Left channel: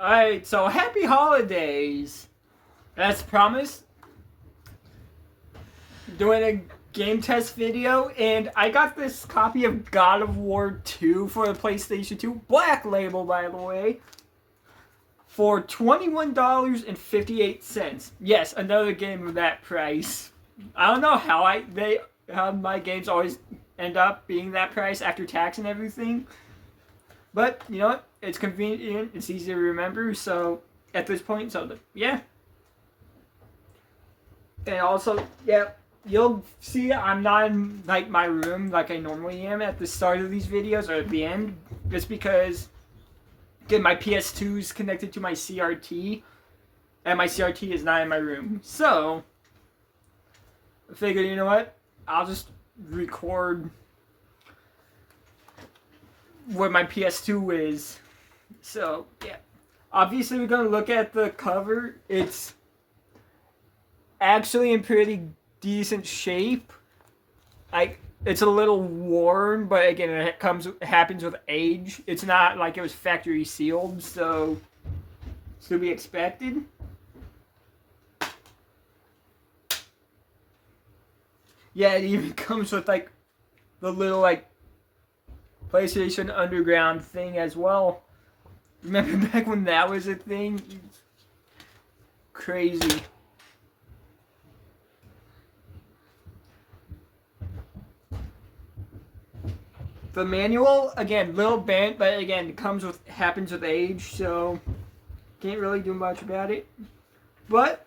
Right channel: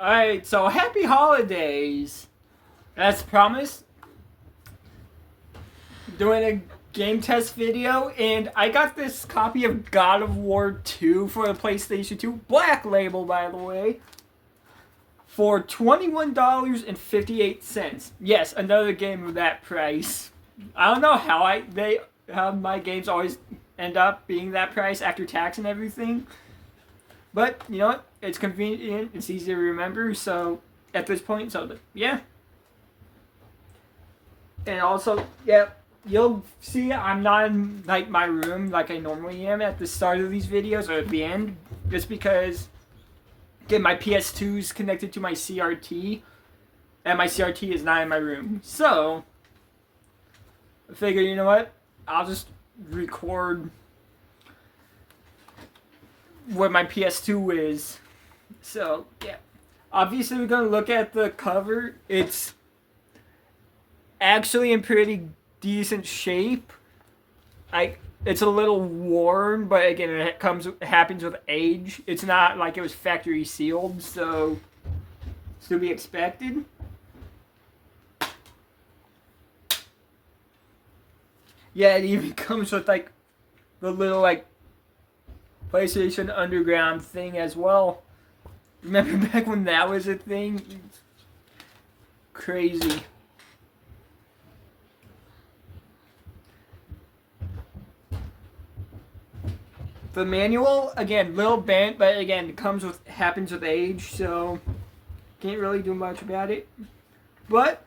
Alright, so happy holidays! As promised, doing a game test video, and I got this copy of God of War 2 for the PlayStation 2, Black Label by the way, for $21.58. Yes, another game of that price. I don't know how my games always end up being that price after tax and everything. But, you know what? It's convenient, it's easy to remember, so at this point, so yeah. And also, yeah, you'll see I'm not in like my room like I normally am at the start of these videos or at the end, just because again my PS2 is connected to my CRT, and my CRT is not in my room. So I figured, you know what? I'll just record where my PS2 is. So yeah, obviously we're gonna look at the cover. It's actually in pretty decent shape. It's a little worn, but again, it happens with age. It's not like it was factory sealed, so it's to be expected. Yeah, it even comes with like the little like PlayStation Underground thing as well. Remember back when that was a thing? It's crazy. The manual, again, little bent, but again, it happens with age, so can't really do much about it. But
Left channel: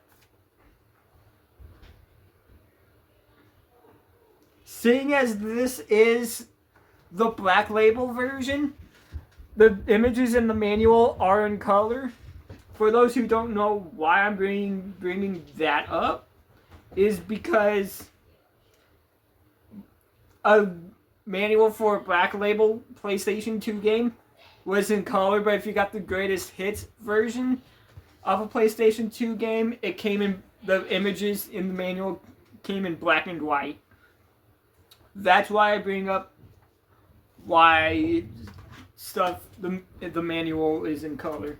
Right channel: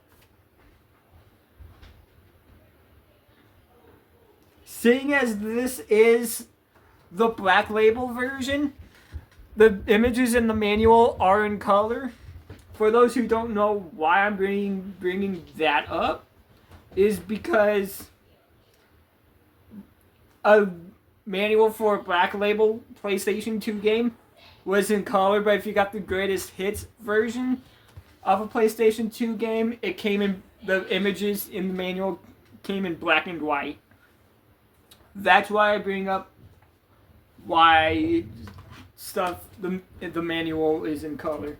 seeing as this is the Black Label version, the images in the manual are in color. For those who don't know why I'm bringing that up, is because a manual for a Black Label PlayStation 2 game was in color, but if you got the greatest hits version of a PlayStation 2 game, it came in, the images in the manual came in black and white. That's why I bring up why the manual is in color.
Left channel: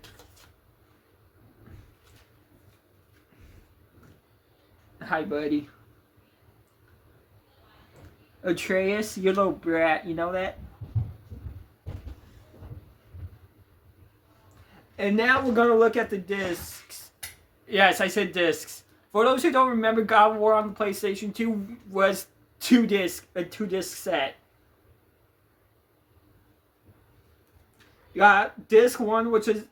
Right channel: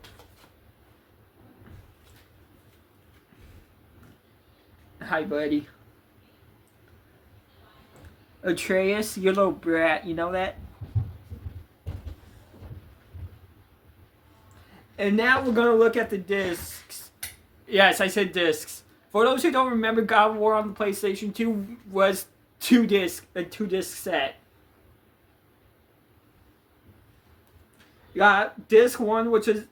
Hi, buddy. Atreus, you little brat, you know that? And now we're going to look at the discs. Yes, I said discs. For those who don't remember, God of War on the PlayStation 2 was a 2-disc set. You got disc 1, which is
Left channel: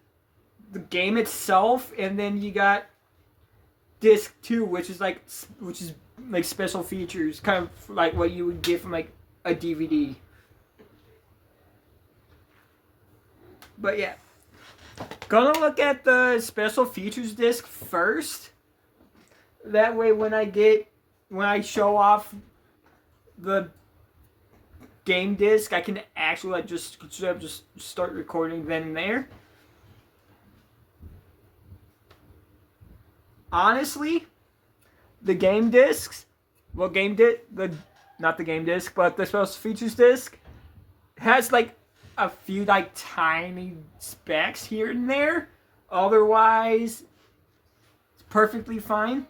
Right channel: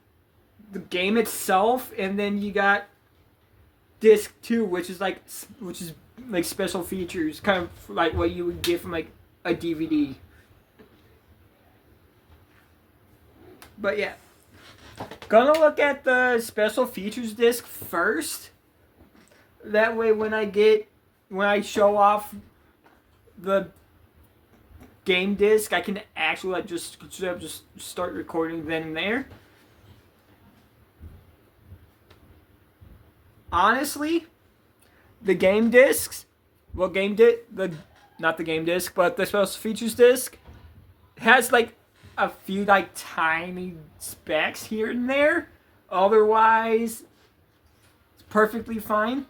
the game itself, and then you got disc 2, which is like special features, kind of like what you would get from like a DVD. But yeah, gonna look at the special features disc first. That way, when I show off the game disc, I can actually like just start recording then and there. Honestly, the game discs, not the game disc, but the special features disc has like a few like tiny specs here and there. Otherwise, it's perfectly fine.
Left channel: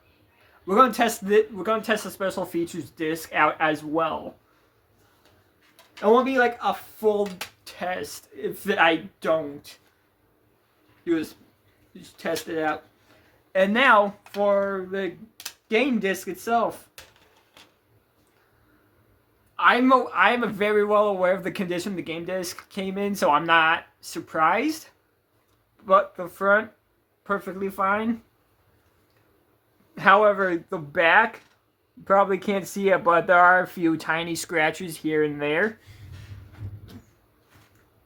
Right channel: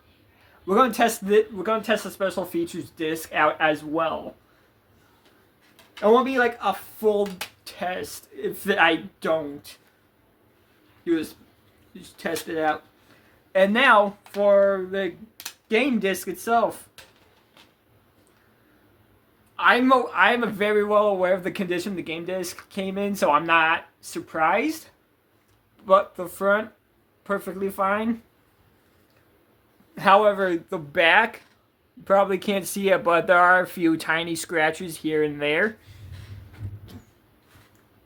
We're gonna test the special features disc out as well. It won't be like a full test if I don't. You just test it out. And now for the game disc itself. I'm very well aware of the condition the game disc came in, so I'm not surprised. But the front, perfectly fine. However, the back, you probably can't see it, but there are a few tiny scratches here and there.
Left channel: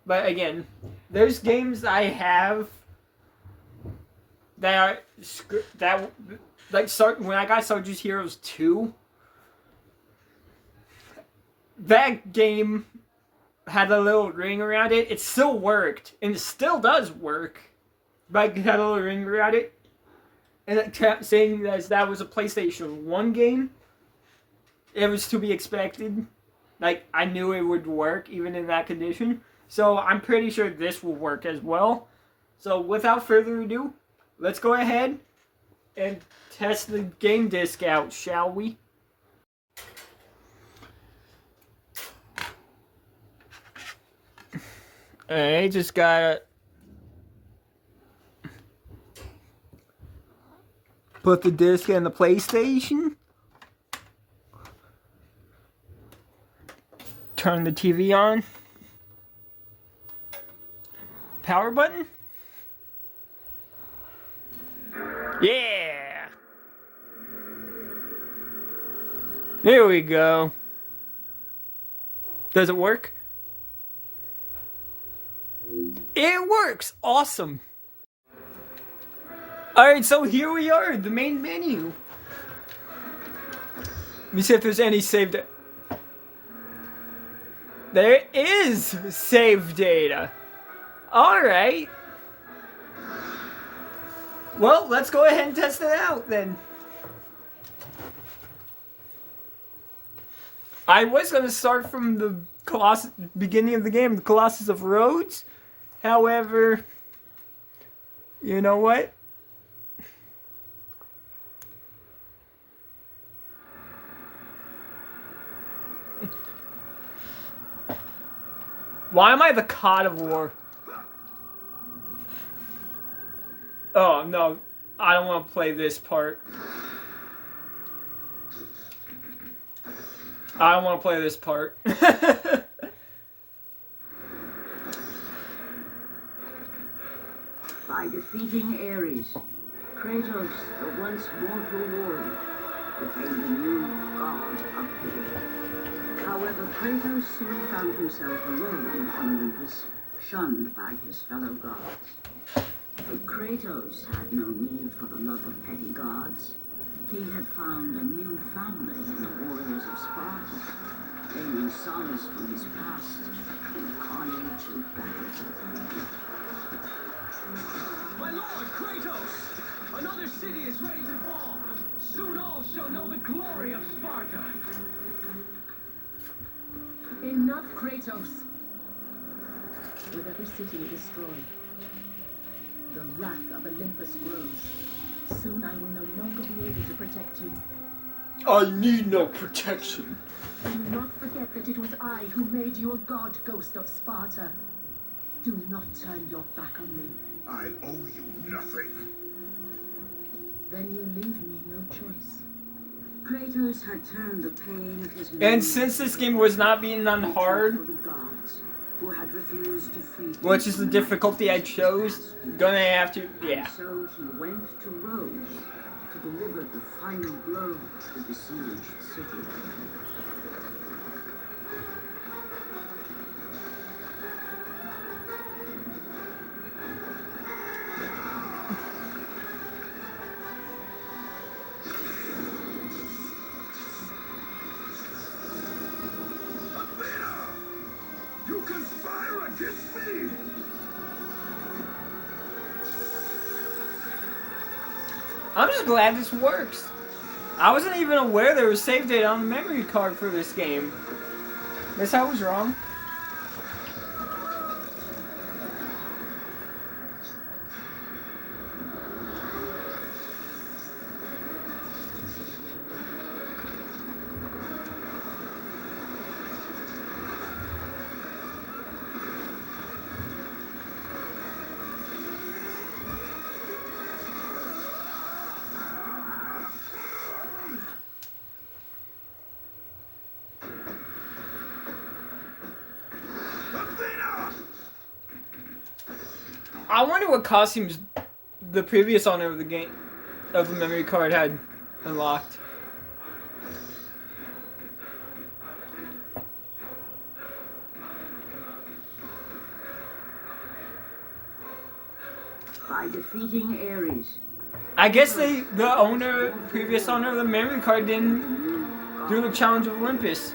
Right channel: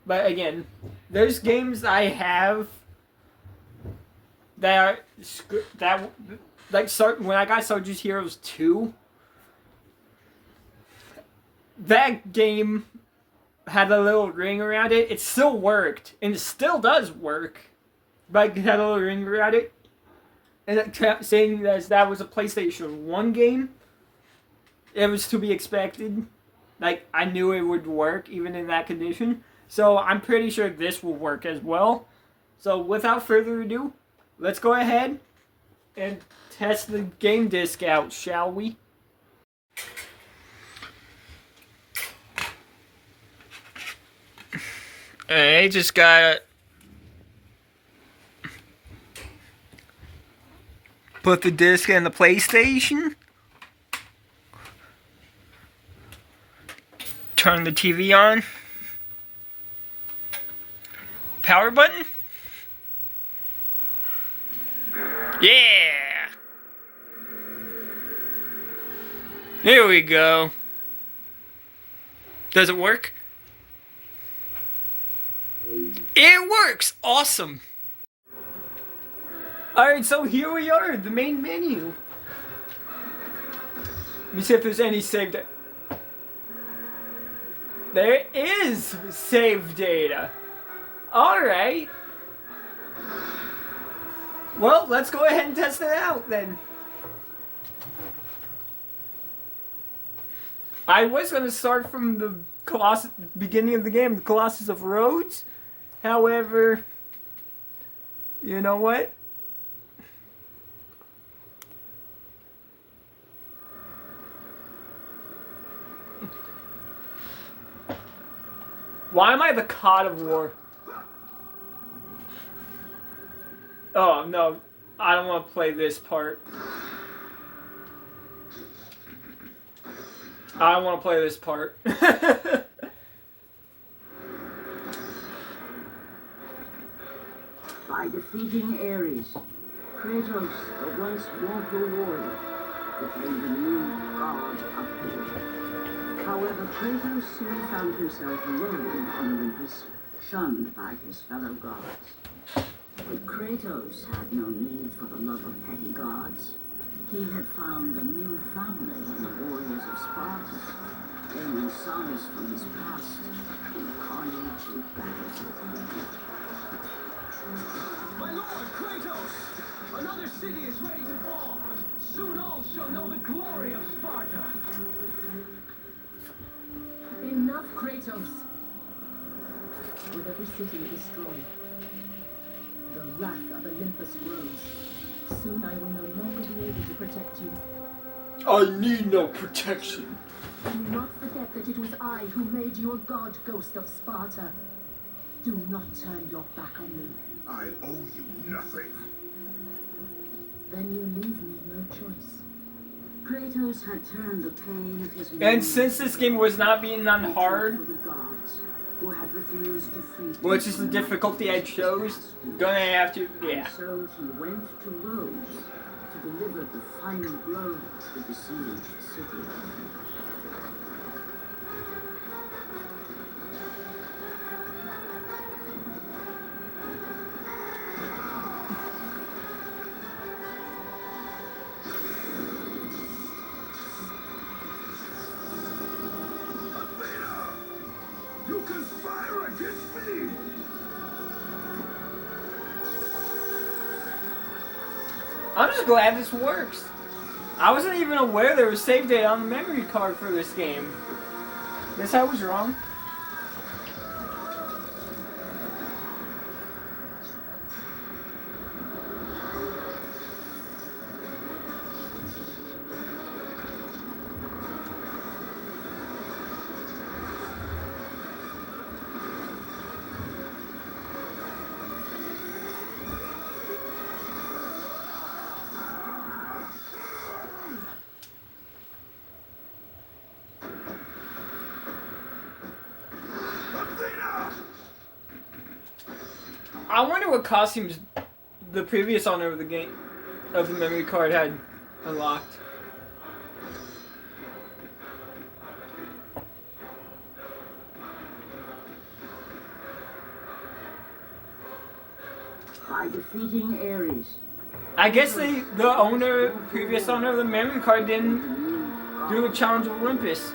But again, there's games I have that when I got Soldiers Heroes 2, that game had a little ring around it. It still worked, and it still does work, but it had a little ring around it. And it kept saying that was a PlayStation 1 game. It was to be expected. Like, I knew it would work, even in that condition. So, I'm pretty sure this will work as well. So without further ado, let's go ahead and test the game disc out, shall we? I just gotta put the disc in the PlayStation. Turn the TV on. Power button? Yeah! Here we go. Does it work? It works! Awesome! Alright, so here we are, the main menu. Let me see if there's any save data. There is save data. Alright. Well, let's go ahead and test it out then. I was going to start from the beginning of the game, the Colossus of Rhodes. However, you know what? Why am I the God of War? Oh, no. I don't want to play this part. I don't want to play this part. By defeating Ares, Kratos, the once mortal warrior, became the new god of war. However, Kratos soon found himself alone on Olympus, shunned by his fellow gods. But Kratos had no need for the love of petty gods. He had found a new family in the warriors of Sparta, gaining solace from his past in carnage and battle. My lord, Kratos! Another city is ready to fall! Soon all shall know the glory of Sparta! Enough, Kratos! With every city destroyed, the wrath of Olympus grows. Soon I will no longer be able to protect you. I need no protection. Do not forget that it was I who made you a god, Ghost of Sparta. Do not turn your back on me. I owe you nothing. Then you leave me no choice. Kratos had turned the pain of his And since this game was not being on hard, for the gods who had refused to free him which is the from difficulty I Atlas' chose, grasp. gonna have to, yeah. And so he went to Rhodes to deliver the final blow to the besieged city. Athena! You conspire against me! I'm just glad this works. I wasn't even aware there was save data on the memory card for this game. Guess I was wrong. Athena! I wonder what costumes the previous owner of the game, of the memory card, had unlocked. By defeating Ares, I guess the previous owner of the memory card didn't do a challenge of Olympus.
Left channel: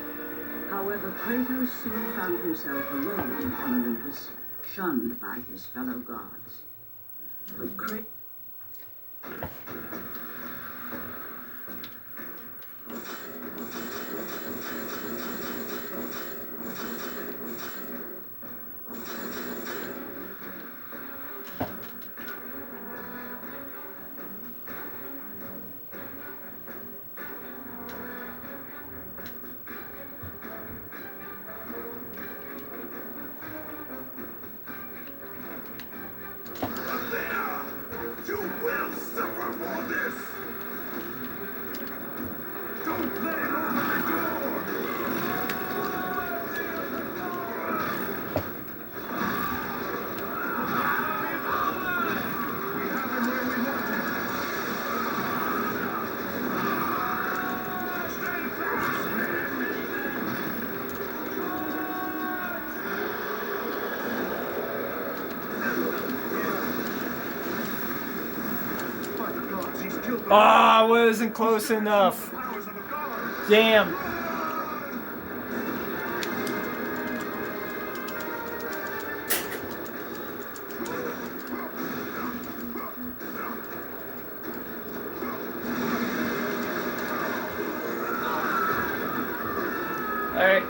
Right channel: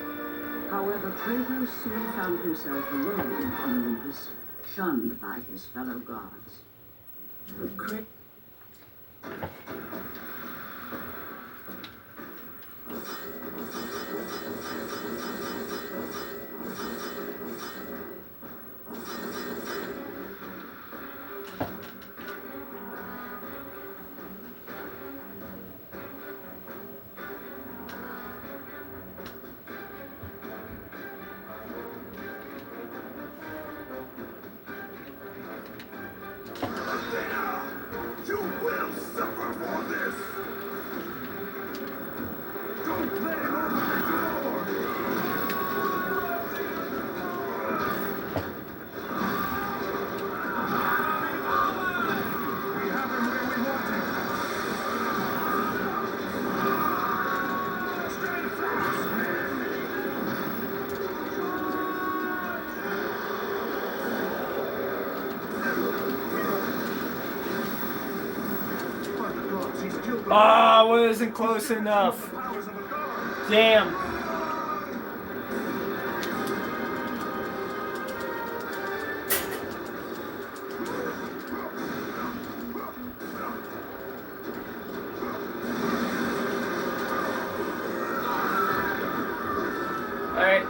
however, Kratos soon found himself alone on Olympus, shunned by his fellow gods. But Kratos for this! Don't play it over the door! We have him where we want him! Stand fast, men! By the gods, he's killed the Ah, wasn't close enough. powers of a god! Damn. Alright.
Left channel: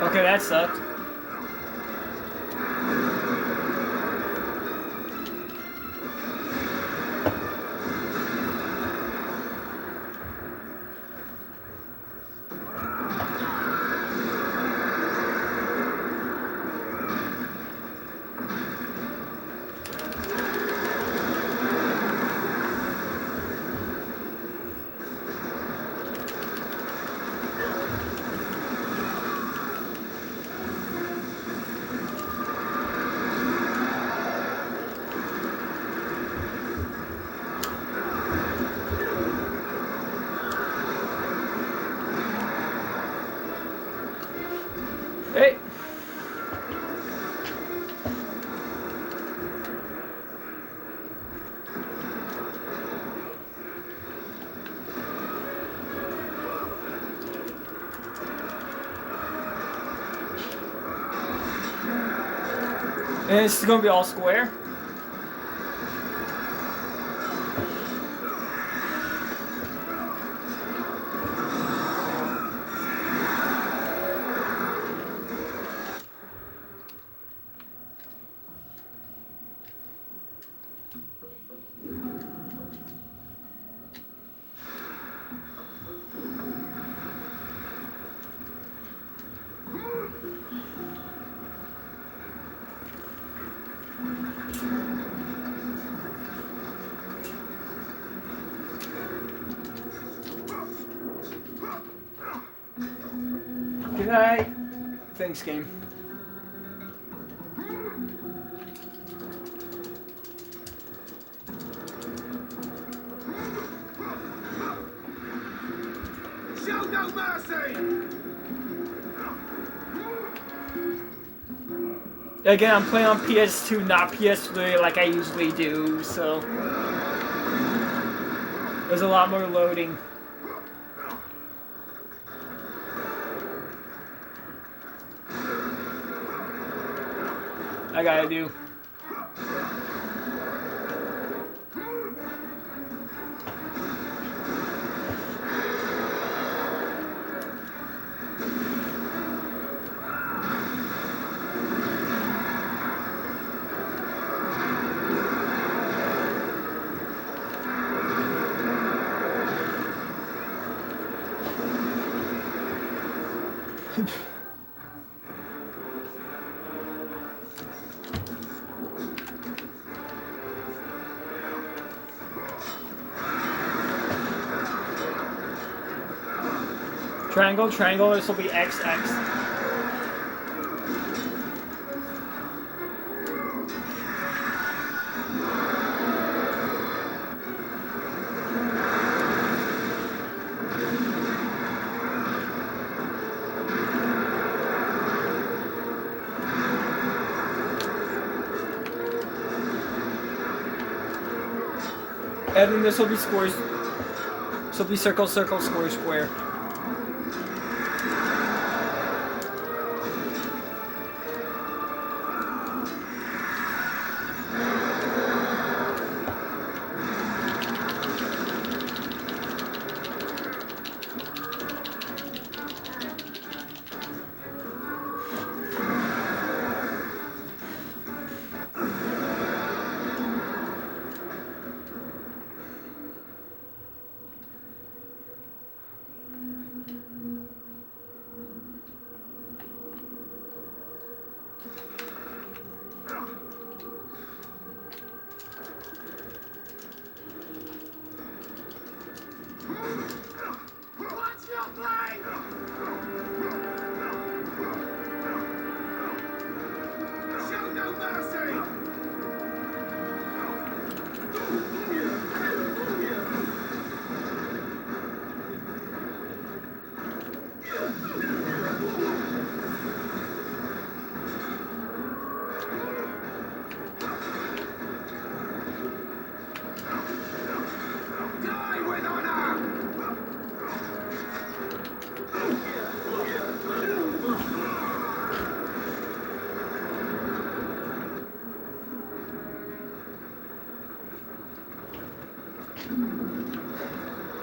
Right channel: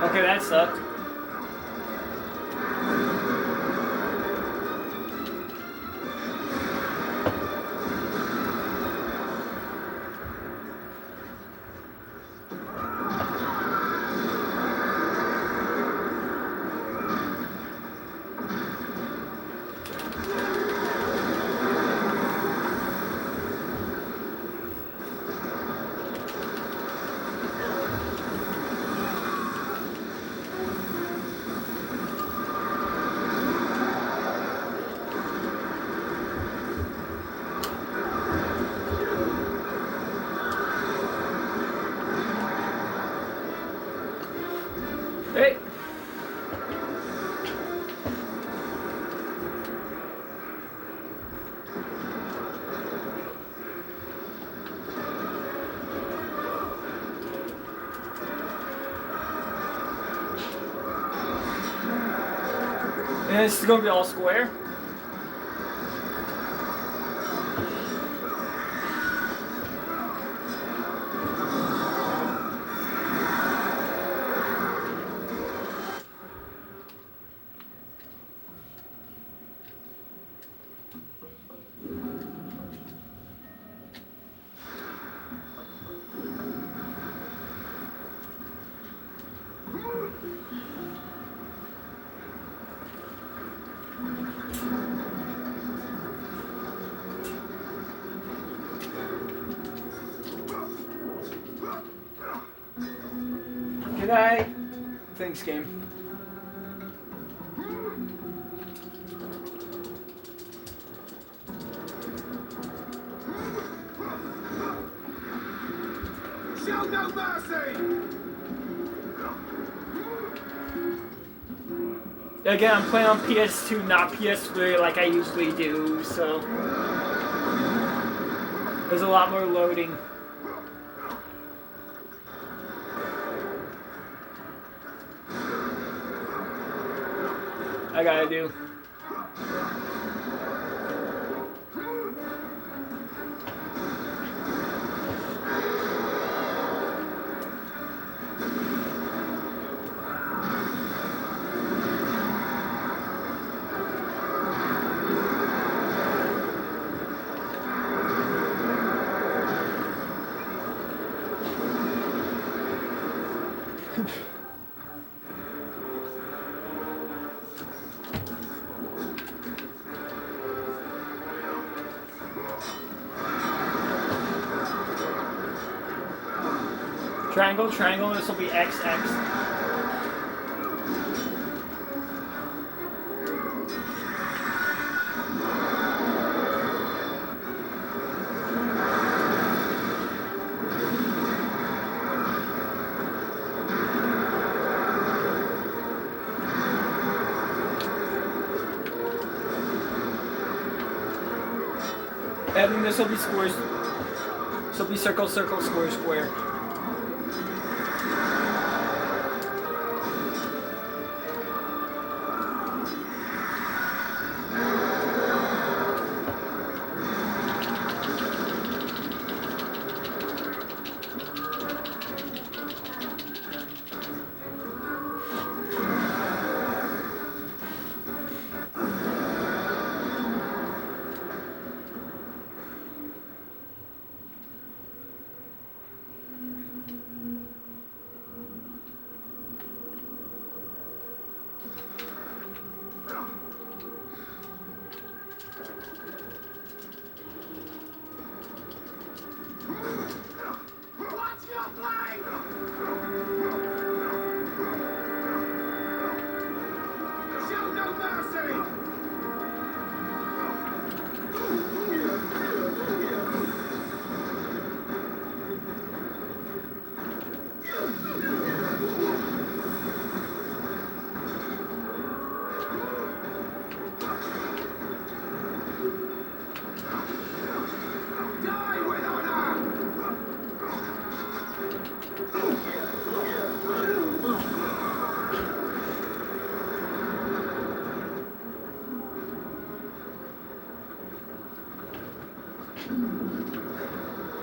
Okay, that sucked. Hey. And it's gonna be all square. Good night. Thanks, game. Show no mercy! Again, I'm playing on PS2, not PS3 like I usually do, so there's a lot more loading. I gotta do. Triangle, triangle, this will be X, X. And then this will be squares. This will be circle, circle, square, square.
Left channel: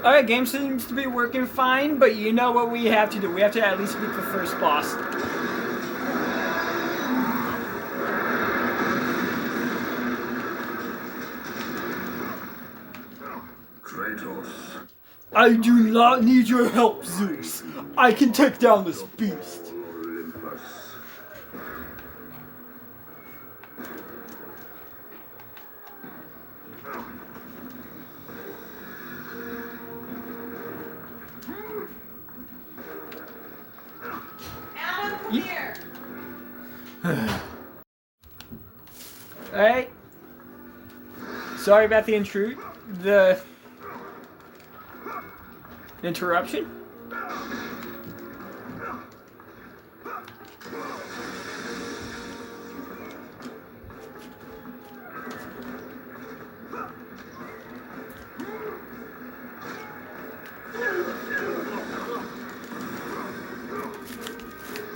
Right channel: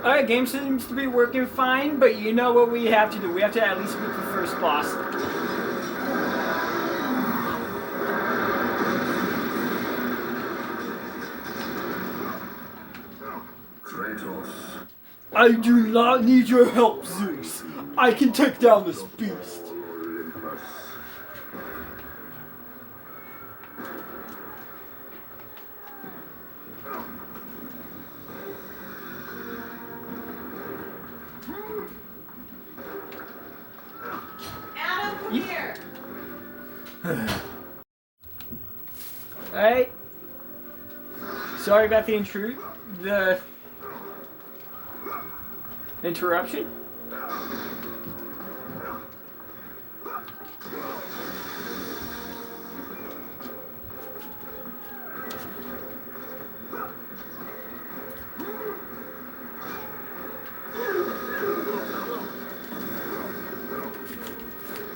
Alright, game seems to be working fine, but you know what we have to do. We have to at least beat the first boss. Kratos. I do not need your help, Zeus. I can take down this beast. Olympus. Adam, come here. Alright. Sorry about the interruption.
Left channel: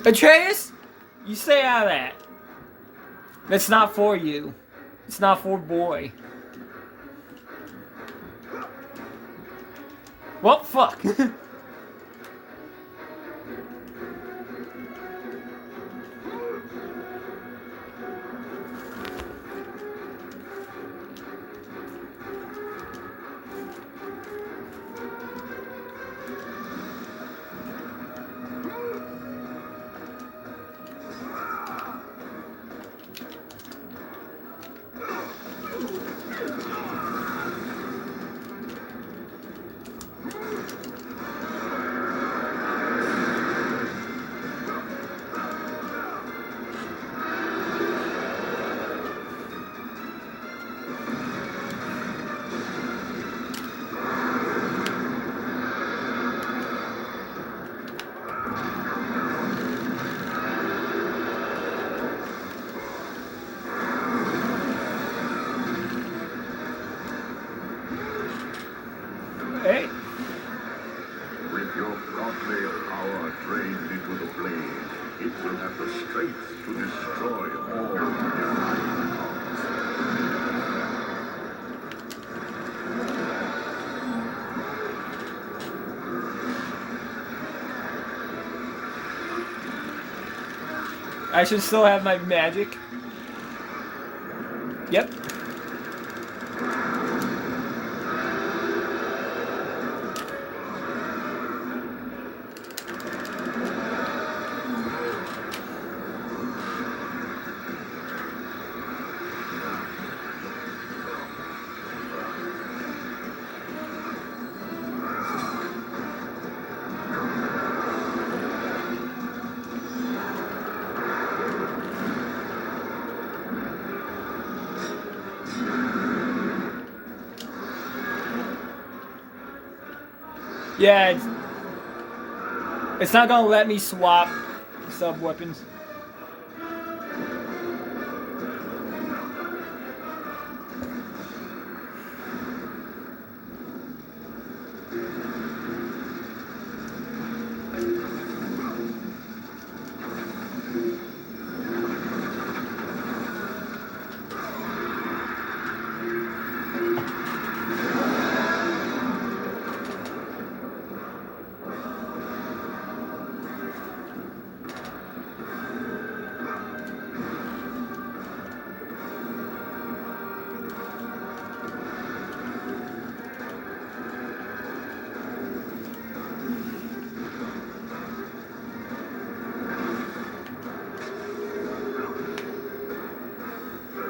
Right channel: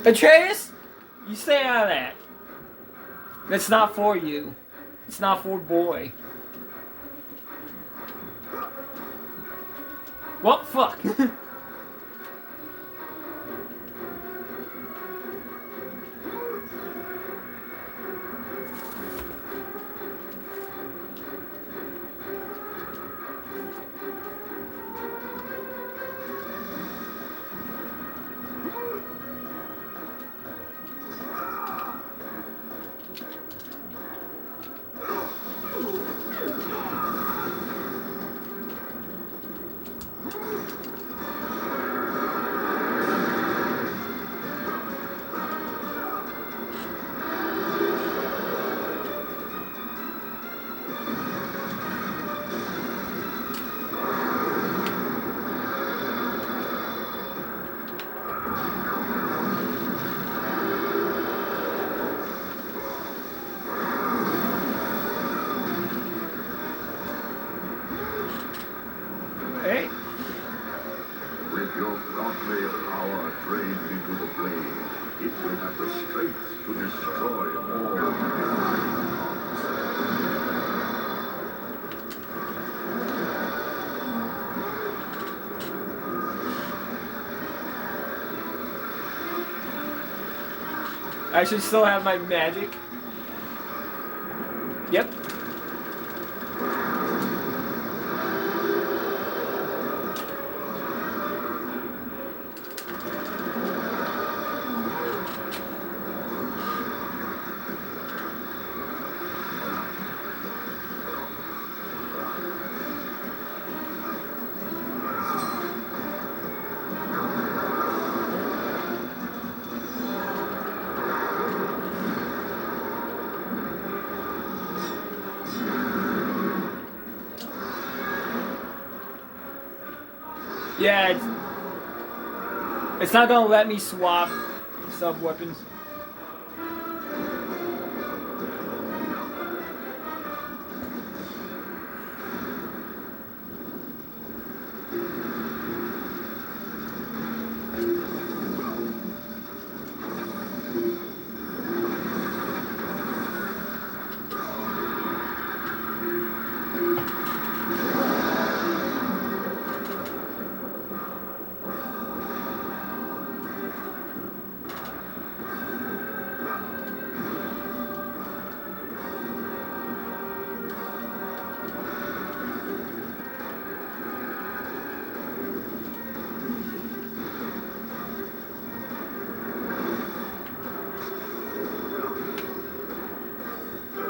Atreus, you stay out of that. That's not for you. It's not for boy. Well, fuck. Hey. With your godly power trained into the blade, it will have the strength to destroy all divine gods. I should still have my magic. Yep. Yeah, it's not gonna let me swap sub weapons.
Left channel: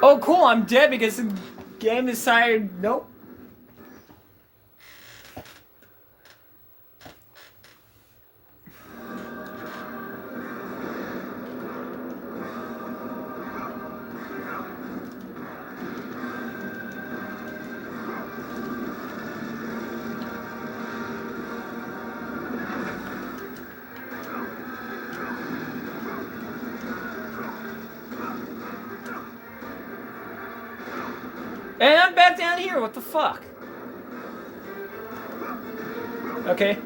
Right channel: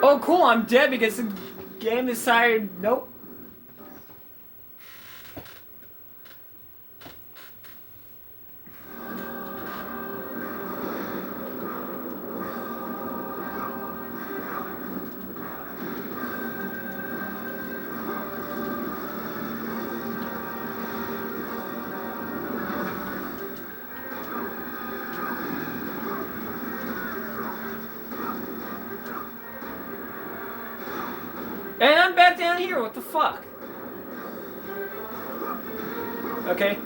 Oh, cool, I'm dead because the game decided, nope. And I'm back down here, what the fuck? Okay.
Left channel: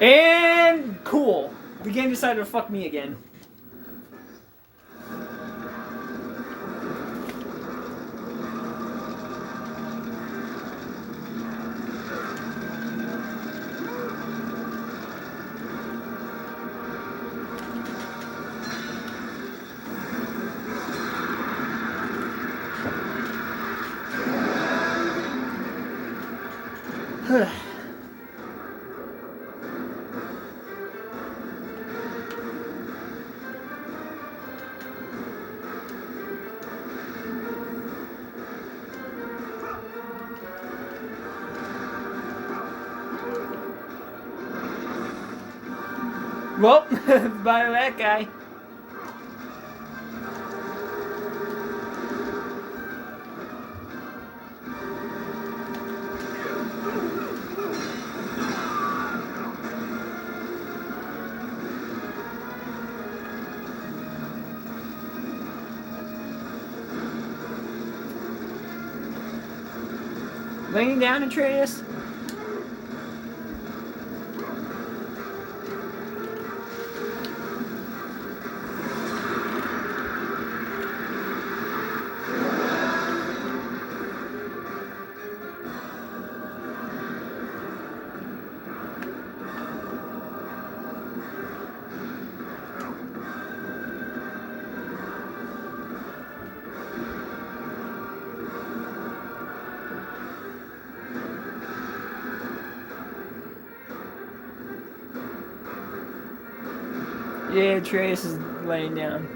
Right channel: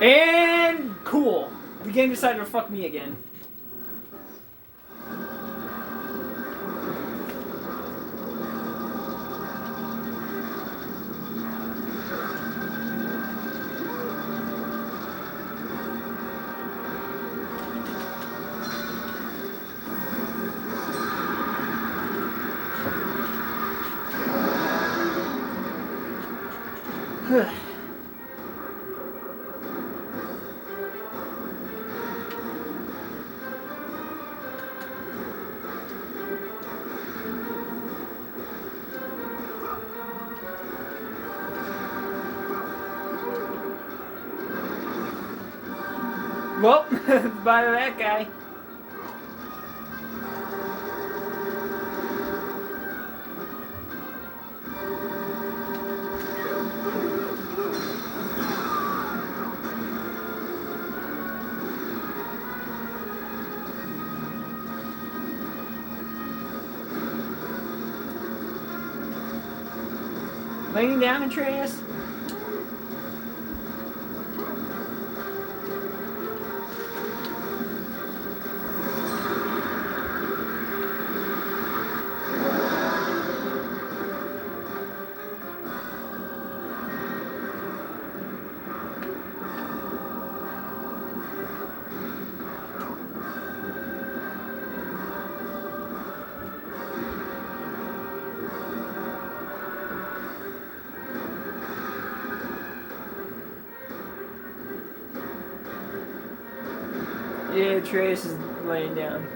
And cool. The game decided to fuck me again. Well, bye to that guy. Laying down, Atreus. Yeah, Atreus is laying down.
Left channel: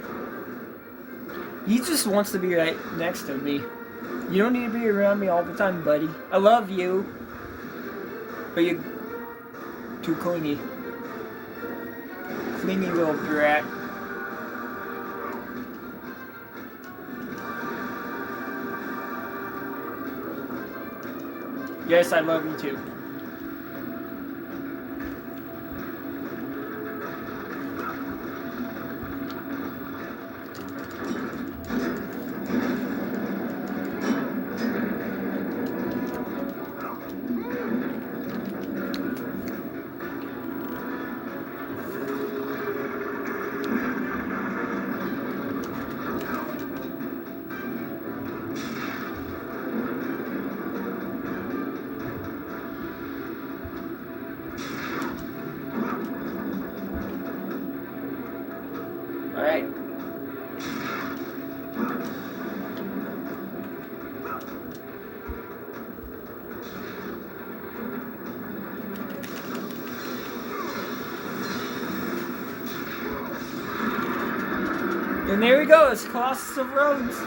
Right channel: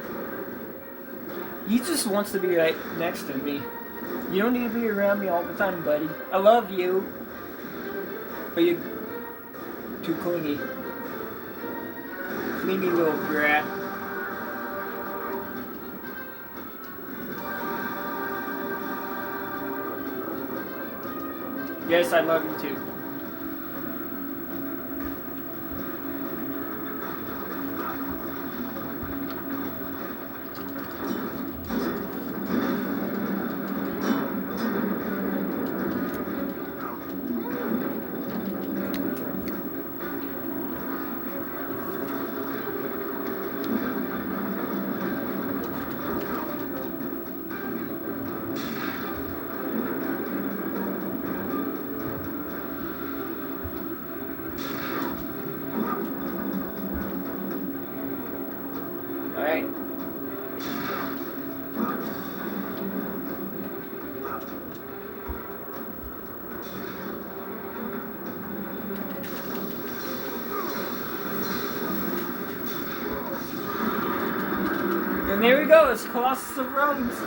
He just wants to be right next to me. You don't need to be around me all the time, buddy. I love you. But you're too clingy. Clingy little brat. Yes, I love you too. Alright. And there we go, it's Colossus of Rhodes.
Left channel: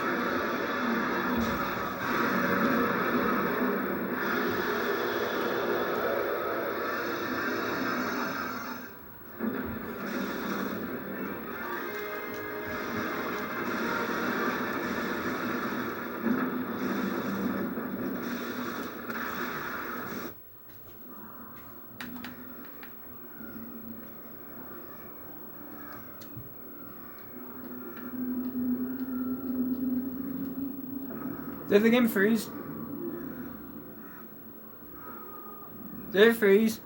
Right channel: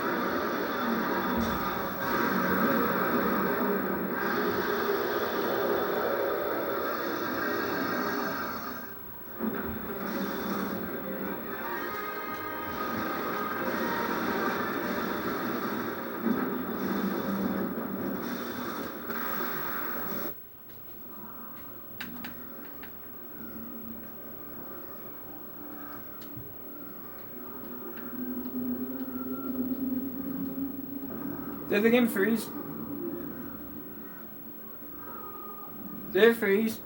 Did the game freeze? Did it freeze?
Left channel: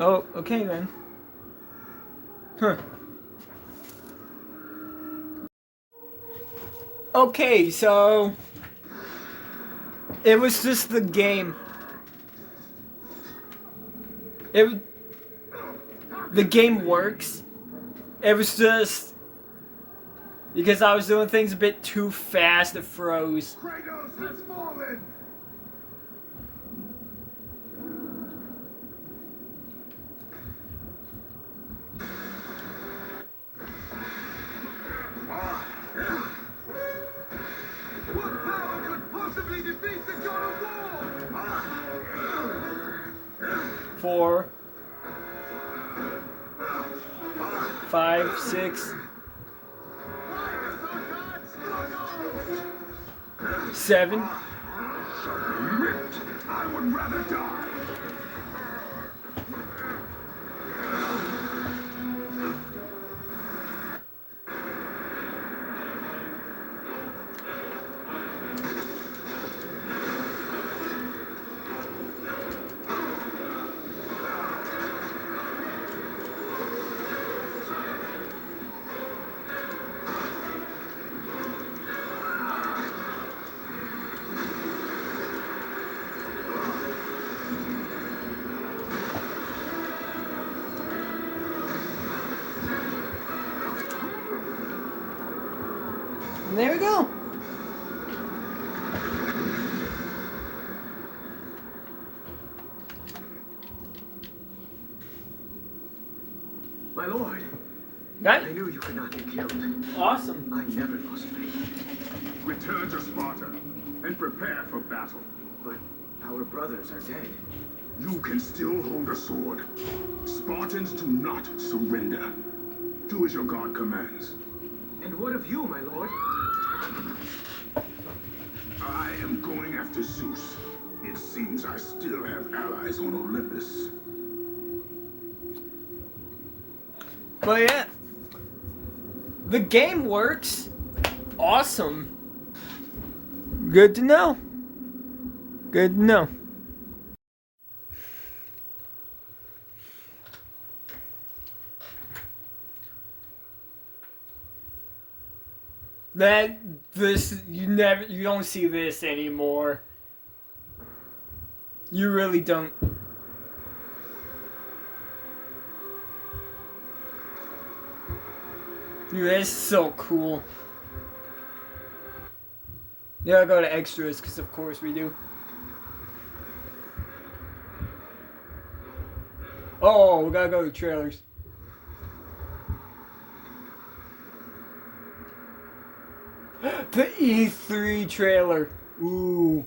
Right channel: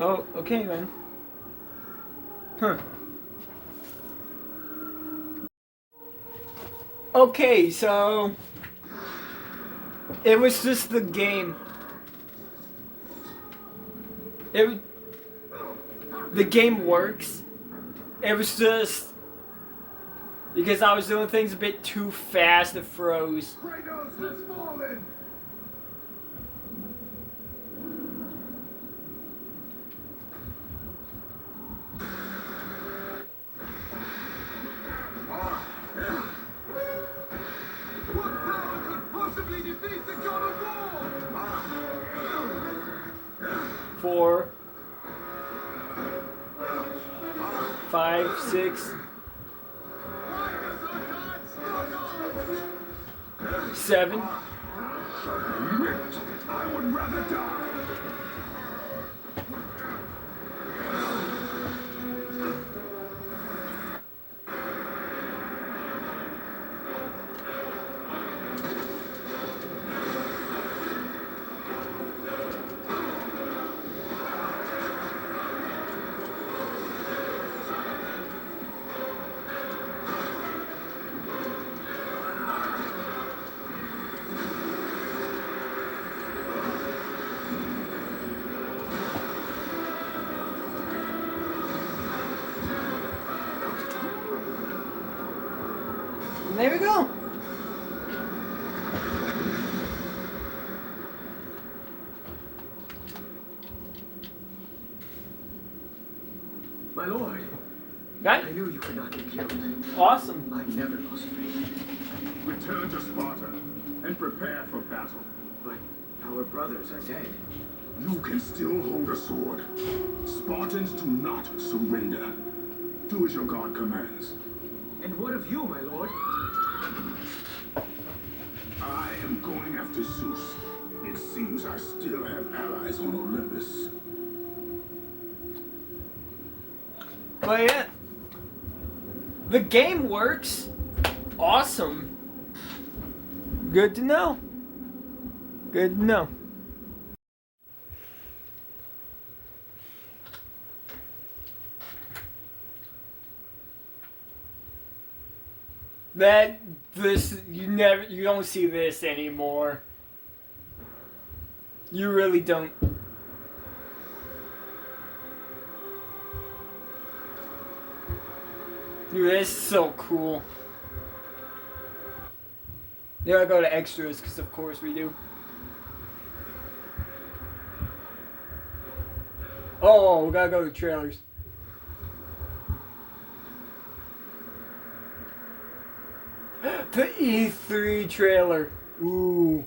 Oh, okay then. Huh. Okay, so it was just the game. The game works. It was just because I was doing things a bit too fast, it froze. Kratos has fallen! What power could possibly defeat the God of War? 4, 5, 6, 7. Submit! I would rather die! there we go. My lord, Got I it. knew you could not be killed. Awesome. I never lost faith. Return to Sparta and prepare for battle. But our brothers are dead. You can still hold a sword. Spartans do not surrender. Do as your god commands. And what of you, my lord? I am going after Zeus. It seems I still have allies on Olympus. But yeah, the game works. Awesome. Good to know. Good to know. You don't see this anymore. You really don't. Dude, that's so cool. Yeah, I'll go to extras, because of course we do. Oh, we gotta go to trailers. The E3 trailer. Ooh.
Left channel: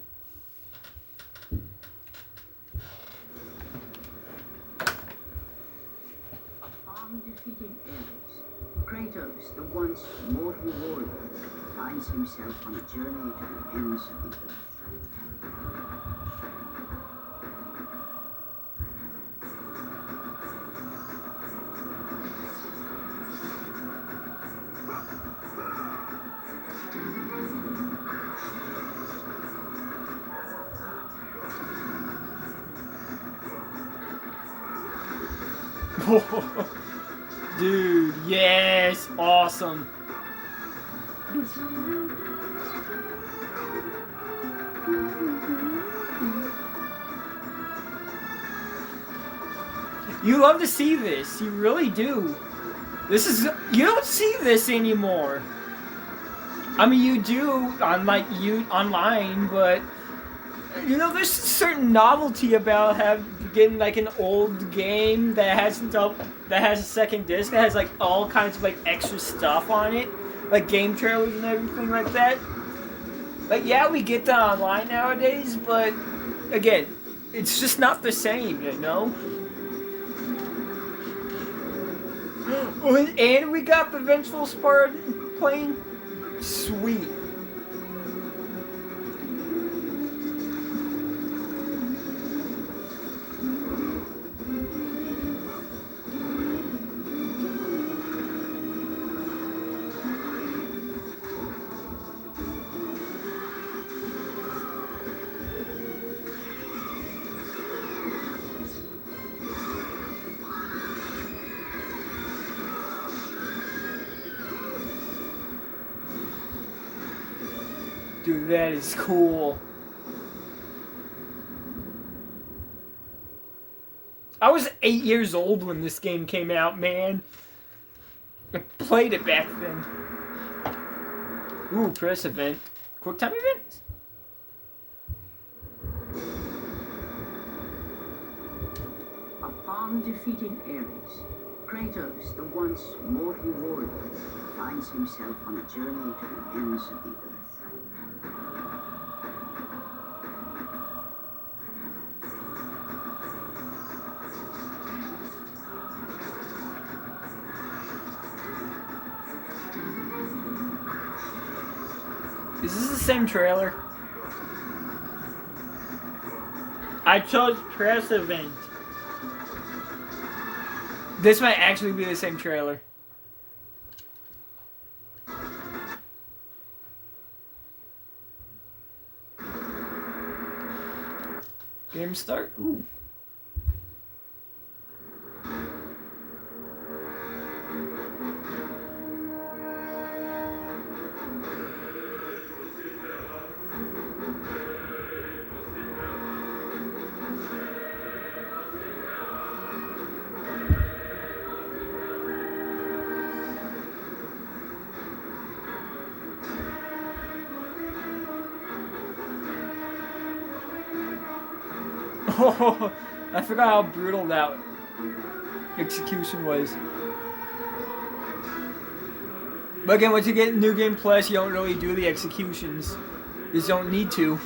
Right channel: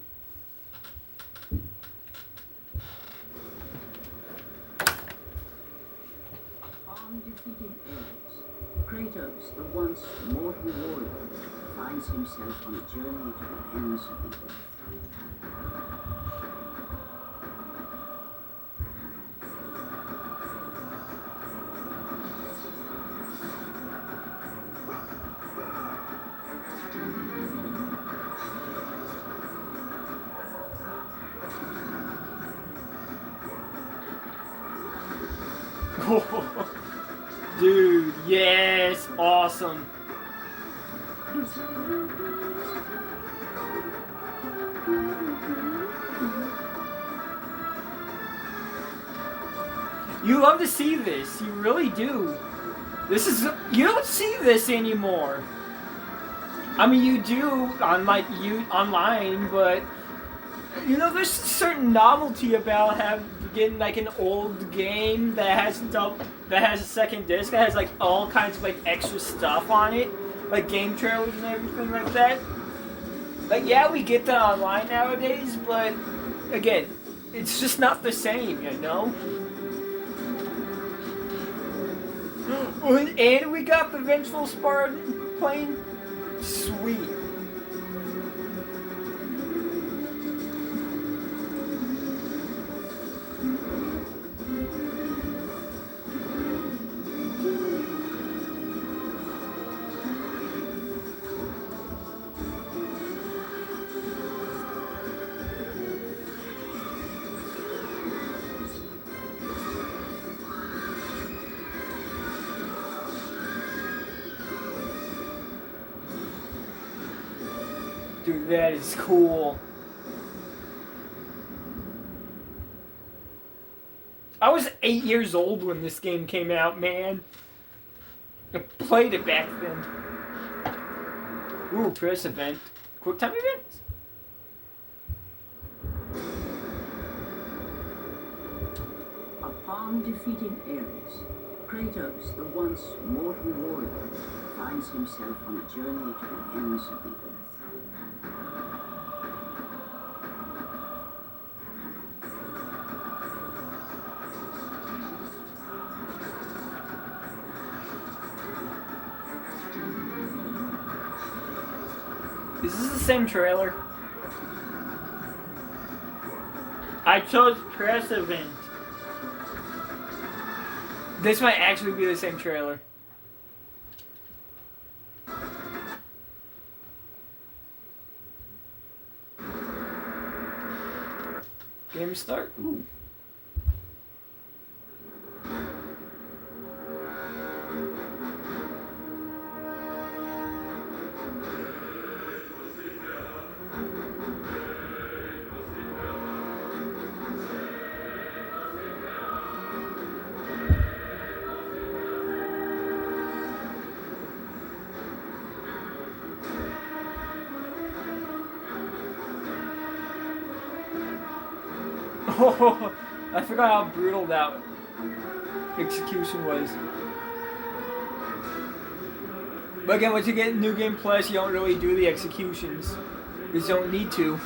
Upon defeating Ares, Kratos, the once mortal warrior, finds himself on a journey to the ends of the earth. Dude, yes, awesome. You love to see this, you really do. This is, you don't see this anymore. I mean, you do on online, but you know, there's a certain novelty about getting like an old game that has a second disc that has like all kinds of like extra stuff on it, like game trailers and everything like that. Like, yeah, we get that online nowadays, but again, it's just not the same, you know. And we got the Vengeful Spartan plane. Sweet. Dude, that is cool. I was 8 years old when this game came out, man. I played it back then. Ooh, press event. Quick time event? Upon defeating Ares, Kratos, the once mortal warrior, finds himself on a journey to the ends of the earth. Is this the same trailer? I chose press event. This might actually be the same trailer. Game start. Ooh. Oh, I forgot how brutal that execution was. But again, once you get New Game Plus, you don't really do the executions. You just don't need to.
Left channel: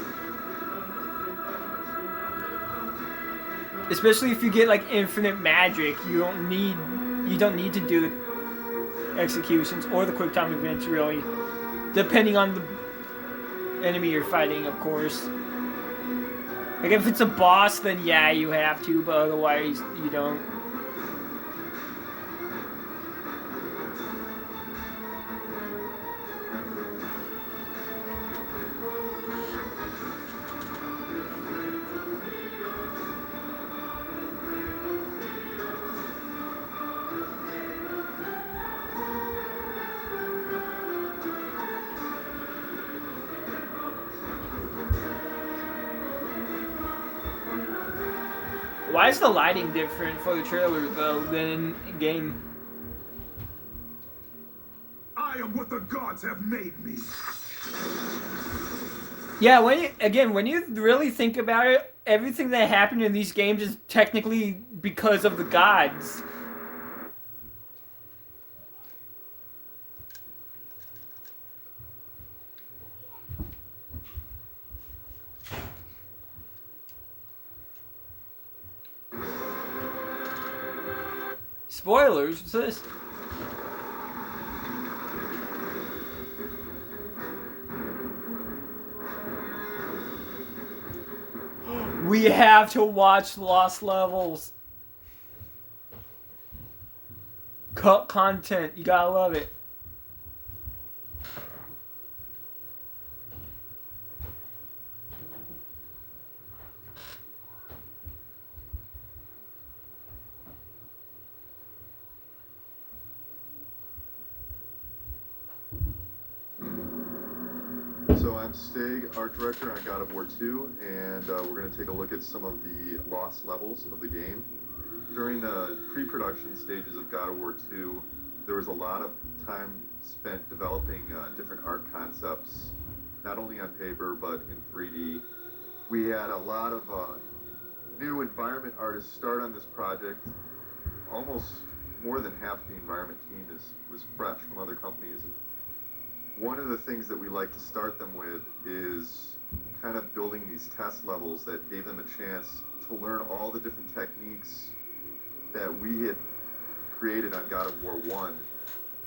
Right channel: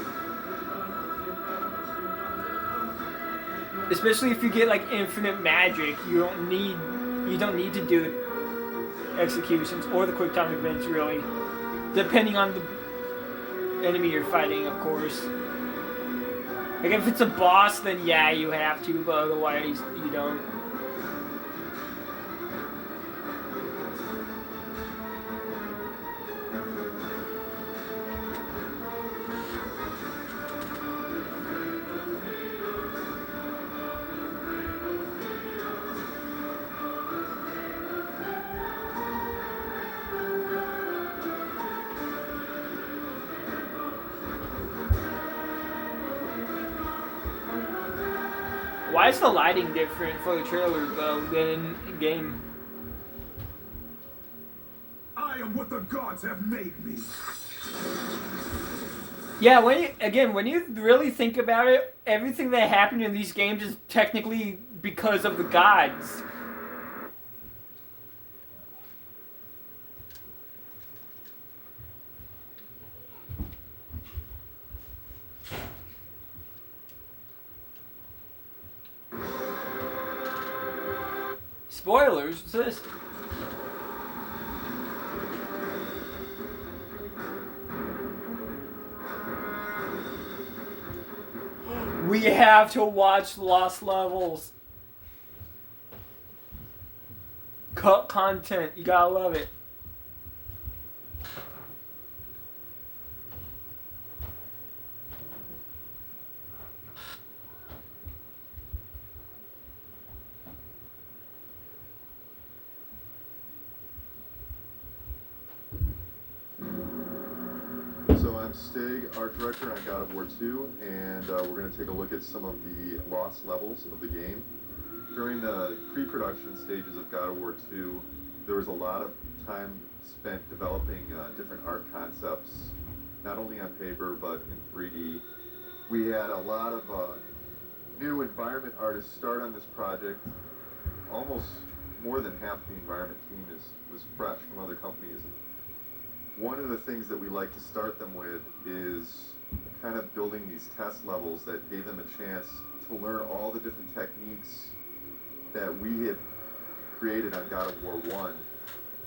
Especially if you get like infinite magic, you don't need to do executions or the quick time events really. Depending on the enemy you're fighting, of course. Like if it's a boss, then yeah, you have to, but otherwise you don't. Why is the lighting different for the trailer though than in game? I am what the gods have made me. Yeah, when you really think about it, everything that happened in these games is technically because of the gods. Spoilers, what's this? We have to watch Lost Levels. Cut content, you gotta love it. So I'm Stig, art director on God of War 2, and we're going to take a look at some of the lost levels of the game. During the pre-production stages of God of War 2, there was a lot of time spent developing different art concepts, not only on paper, but in 3D. We had a lot of new environment artists start on this project. Almost more than half the environment team was fresh from other companies. And one of the things that we like to start them with is kind of building these test levels that gave them a chance to learn all the different techniques that we had created on God of War 1.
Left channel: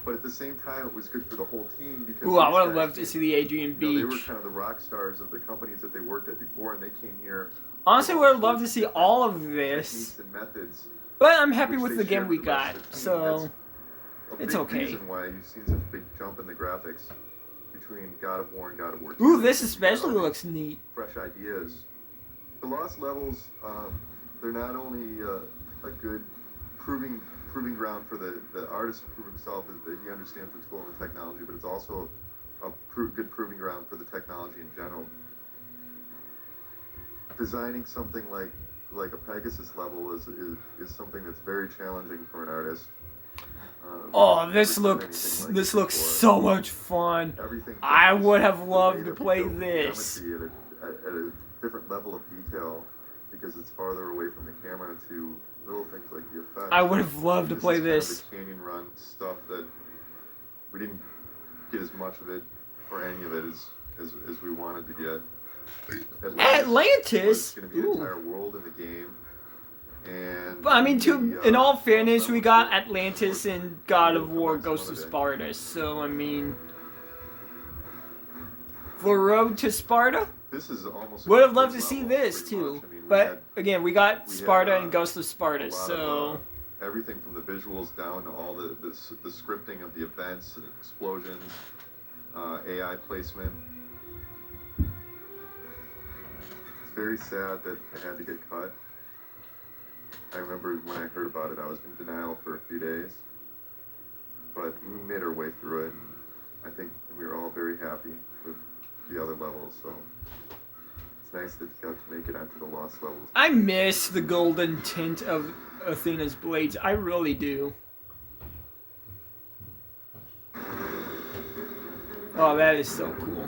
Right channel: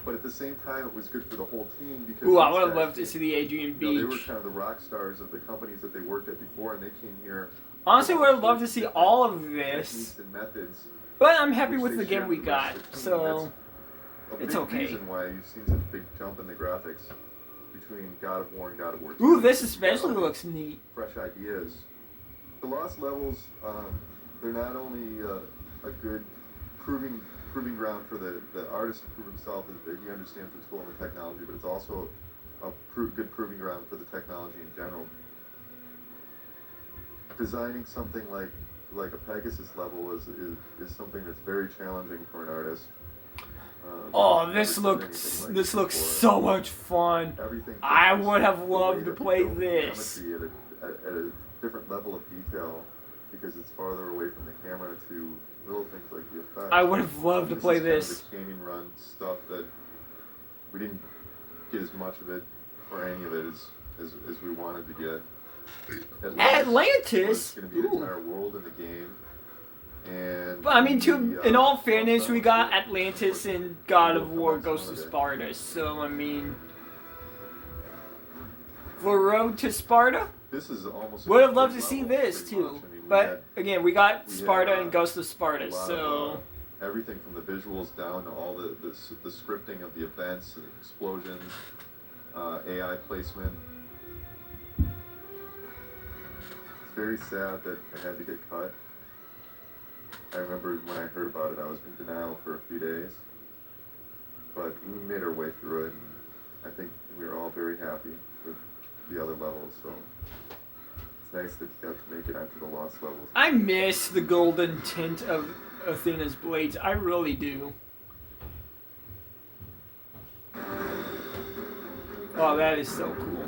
But at the same time, it was good for the whole team because Ooh, I would love to see the Adrian they were Beach. kind of the rock stars of the companies that they worked at before, and they came here. Honestly, with all would love to sorts see of all of different this. techniques and methods, But I'm happy which with they the game shared we with the rest got, of the team. so That's it's a big okay. reason why you've seen such a big jump in the graphics between God of War and God of War 2. Ooh, this Because you got especially all these looks neat. fresh ideas. The lost levels, they're not only a good proving ground for the artist to prove himself that he understands the tool and the technology, but it's also a good proving ground for the technology in general. Designing something like a Pegasus level is something that's very challenging for an artist. Oh, I've this never done looks anything like this it looks before. so much fun. Everything from I just would have the loved way to that we play built the this. geometry at a different level of detail because it's farther away from the camera to little things like the effects. I would have loved to play Is this. kind of the canyon run stuff that we didn't get as much of it or any of it as we wanted to get. Atlantis? Was going to be an Ooh. entire world in the game. And But I mean, in all Lost fairness, we Levels got were- Atlantis were- and God of War comments Ghost one of of the- Sparta, so I mean... The Road to Sparta? This is almost a Would have complete loved to see level, this pretty too. much. I mean, But again, we got we Sparta had, and Ghost of a Sparta, lot so... of, everything from the visuals down to all the scripting of the events and explosions, AI placement. It's very sad that it had to get cut. I remember when I heard about it, I was in denial for a few days. But we made our way through it, and I think we were all very happy with the other levels, so it's nice that you got to make it onto the lost levels. I miss the golden tint of Athena's blades. I really do. Oh, that is so cool.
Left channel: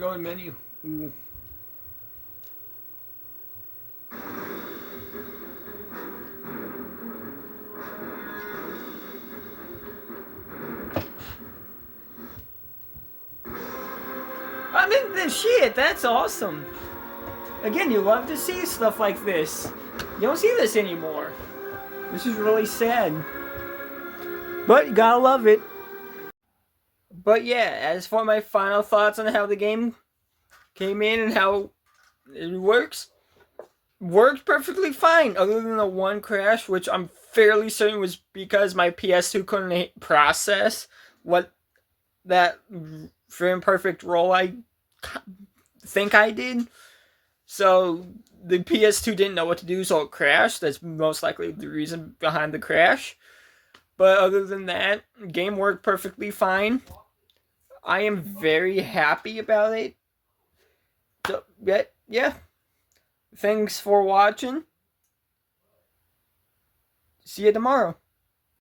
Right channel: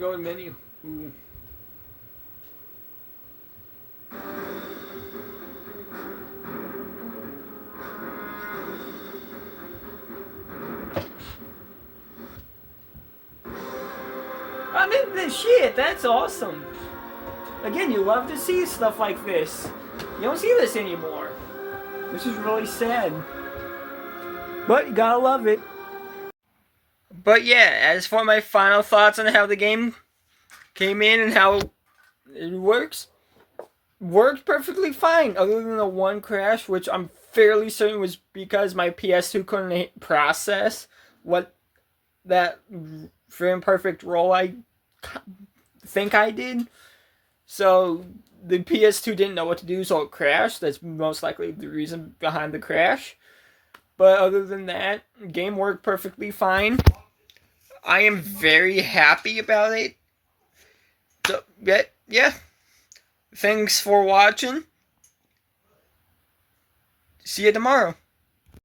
Go in menu. Ooh. I mean, the shit, that's awesome. Again, you love to see stuff like this. You don't see this anymore. This is really sad. But you gotta love it. But yeah, as for my final thoughts on how the game came in and how it worked perfectly fine, other than the one crash, which I'm fairly certain was because my PS2 couldn't process what that frame perfect roll I think I did. So the PS2 didn't know what to do, so it crashed. That's most likely the reason behind the crash. But other than that, the game worked perfectly fine. I am very happy about it. So, yeah. Thanks for watching. See you tomorrow.